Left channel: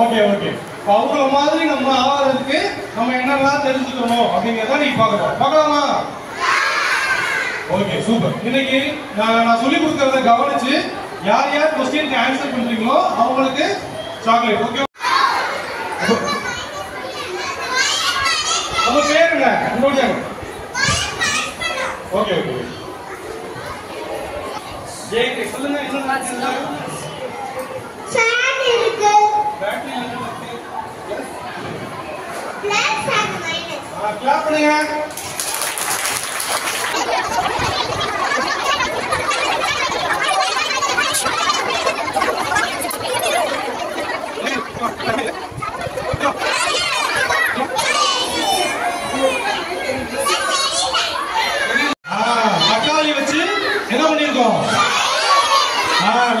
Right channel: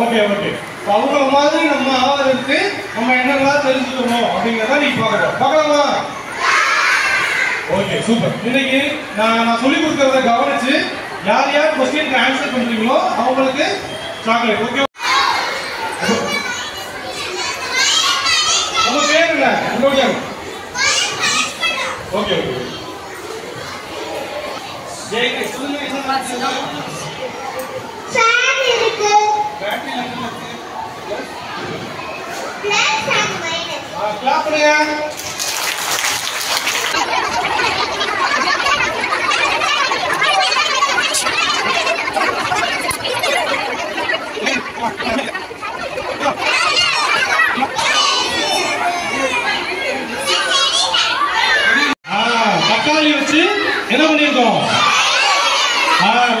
Okay okay. அவங்கள மாதிரி நம்ம ஆவறதுக்கு நம்ம என்னெல்லாம் தெரிஞ்சுக்கணும் அப்படிங்கிறத நீ பார்க்கலாமா? Okay super. இன்னைக்கு நான் சொல்லி கொடுக்கறத கவனிச்சு யார் யார் क्वेश्चनக்கு ஆன்சர் பண்றீங்களோ அவங்களுக்கு சாக்லேட். ஓகே. உங்க பேர் என்ன? உங்களுடைய ஓகே ஓகே. ஜெயக்கு சொல்லுங்க என்ன நடக்குது? ஃபேன் இருக்கு. பேட்டரி என்ன இருக்கு? Plus and minus. கிளாப் பண்ணுங்க. தக்காளி வச்சு என்ன பண்ணிருக்கோம்?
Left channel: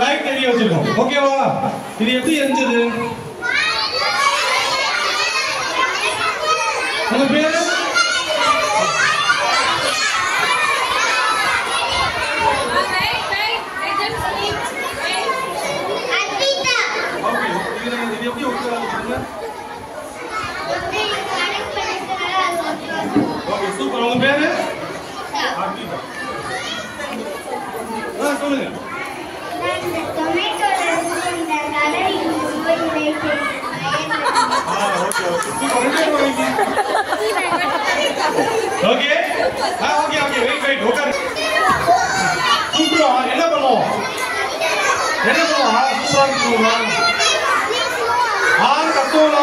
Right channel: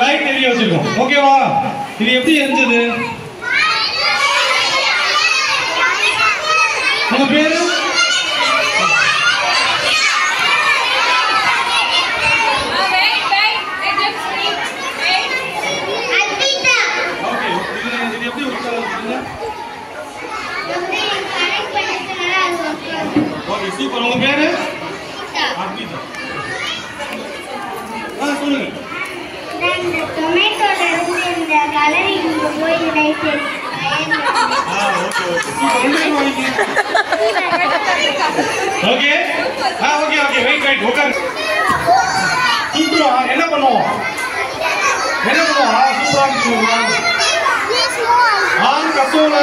லைட் எரிய வச்சிருக்கோம். ஓகேவா? இது எப்படி எரிஞ்சது? உங்க பேரு? Okay super. உங்க பேரு? அர்பிதா. சொல்லுங்க. இந்த டொமேட்டோல இருந்து இந்த கலர் இங்க போய் light okay okay super. Okay okay okay wait உட்காரு. சூப்பரா என்ன பண்ணுவோம்? சூப்பரா சொல்லுவோம். கட்டோல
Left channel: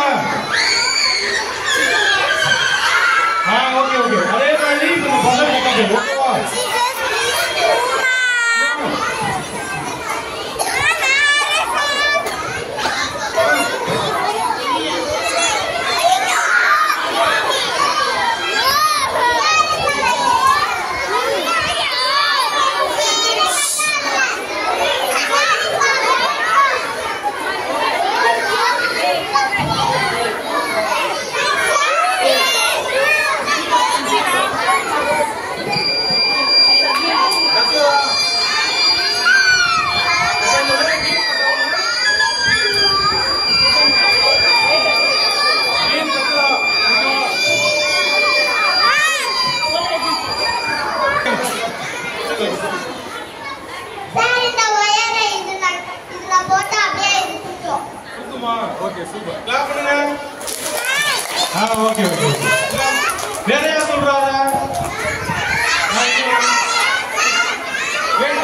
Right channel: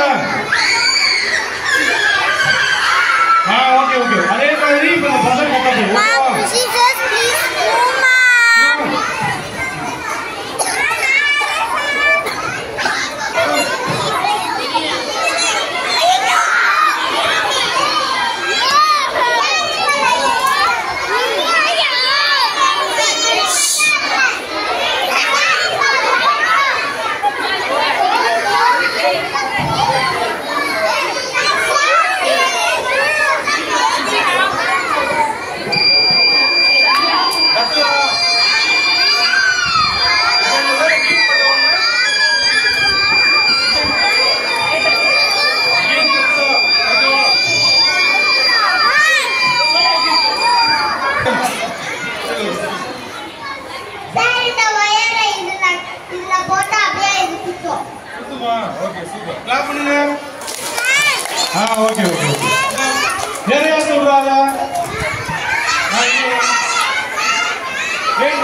ஓகே ஓகே. அதே மாதிரி இப்ப இந்த பசங்க உட்காந்து ஓகேவா? Okay super. கிளாப் பண்ணுங்க. Okay okay. வேற யார் சொல்றாங்க? வெயிட்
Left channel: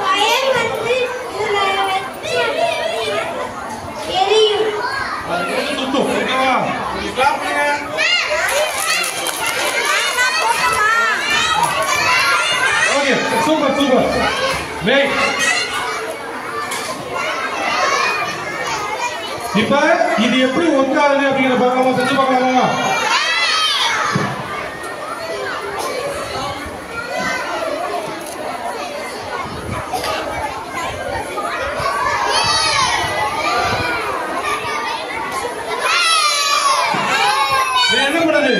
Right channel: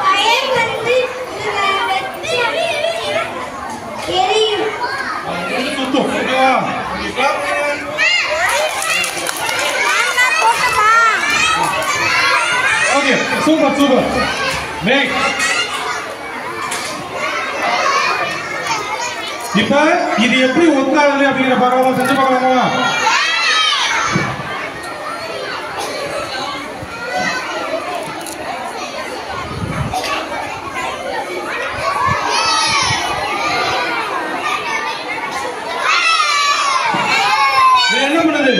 ஃபயர் வந்து இதுல வெச்சு எரியும். சுத்தும். ஓகேவா? கிளாப் பண்ணுங்க. Okay super super. வெயிட். இப்ப இது எப்படி ஒத்தாது அப்படிங்கிற பார்க்கலாமா? செஞ்சு பார்க்கலாமா? என்ன பண்ணுது?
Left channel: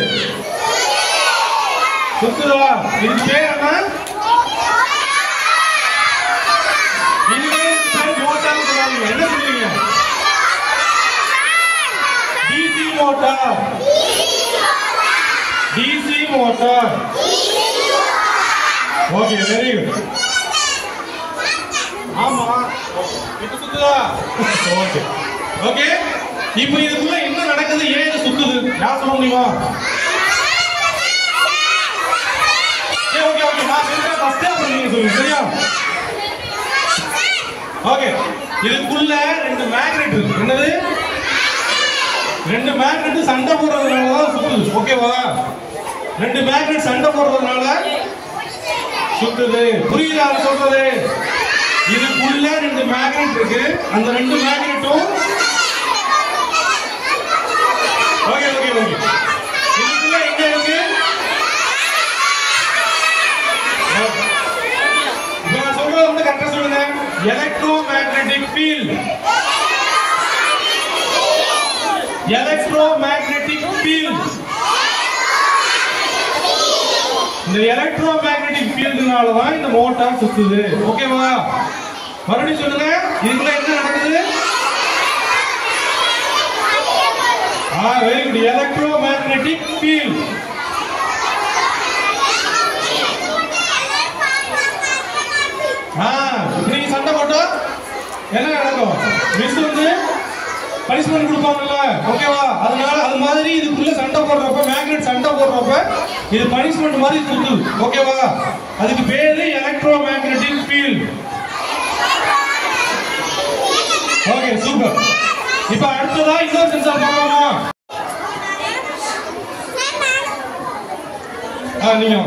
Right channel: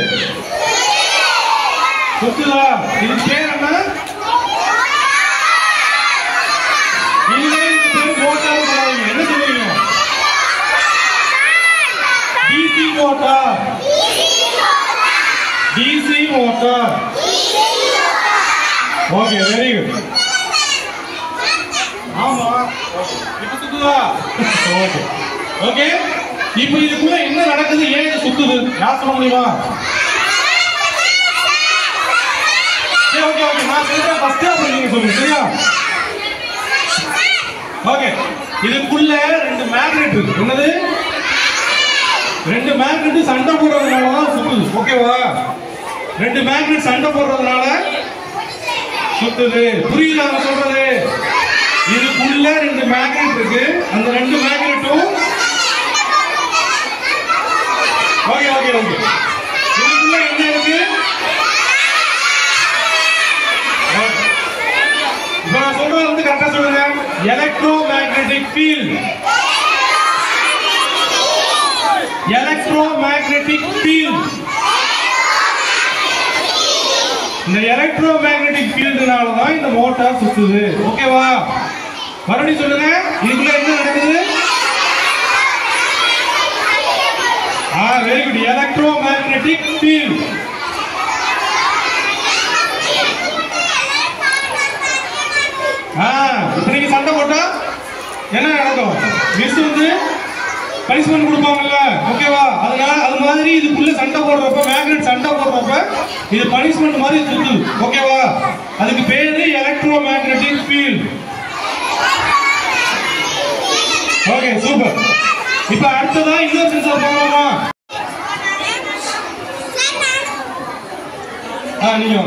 சுத்துதா? இது பேர் என்ன? இதுவே பேர் மோட்டார் சொல்லாதீங்க. என்ன சொல்லுவீங்க? DC motor. Okay, very good. ஆமா. இப்ப சுத்துதா? ஓகே. ஓகே. இப்போ இதுக்குள்ள என்ன நடக்குது? ஏன் இது சுத்துது? யார் சொல்ல முடியுமா? Okay okay. நான் சொல்றேன் ஃபர்ஸ்ட் அப்புறம் நீங்க சொல்லுங்க. சரியா? ஓகே. இதுக்குள்ள ரெண்டு மேக்னெட் இருக்கு. என்னது? ரெண்டு மேக்னெட் சண்டை போடுறதுனால தான் சுத்துது. ஓகேவா? ரெண்டு மேக்னெட் சண்டை போடுறதுனால சுத்துது. புரியுதா நான் சொல்றது? இதுக்குள்ள ரெண்டு மேக்னெட் இருக்கு. அந்த ரெண்டு மேக்னெட்டும் ஓகே ஓகே ஓகே. இதுக்குள்ள என்ன இருக்கு? இப்ப நான் சொல்றது வந்து கரெக்டா சொல்லுங்க. Electro magnetic field. Electromagnetic field. இந்த எலக்ட்ரோமேக்னெட்டிக் ஃபீல்ட்னால தான் இந்த மோட்டார் சுத்துது. ஓகேவா? மறுபடியும் சொல்லுங்க. இதுக்குள்ள என்ன நடக்குது? Very good. Electromagnetic field. இப்ப நீங்க சண்டை போட்டா என்ன நடக்கும்? மிஸ் வந்து பனிஷ்மெண்ட் கொடுப்பாங்கல்ல, ஓகேவா? அதனால அது மாதிரி இதுக்குள்ள சண்டை போடுறப்ப, மேக்னெட் சண்டை போடுறப்ப இது பனிஷ்மெண்ட் மாதிரி சுத்துது, ஓகேவா? அதுக்கு பேரு எலக்ட்ரோமேக்னெட்டிக் ஃபீல்ட். Okay, super. இப்ப அடுத்ததா இன்னொரு சென்சார் பண்ணலாமா? நீங்க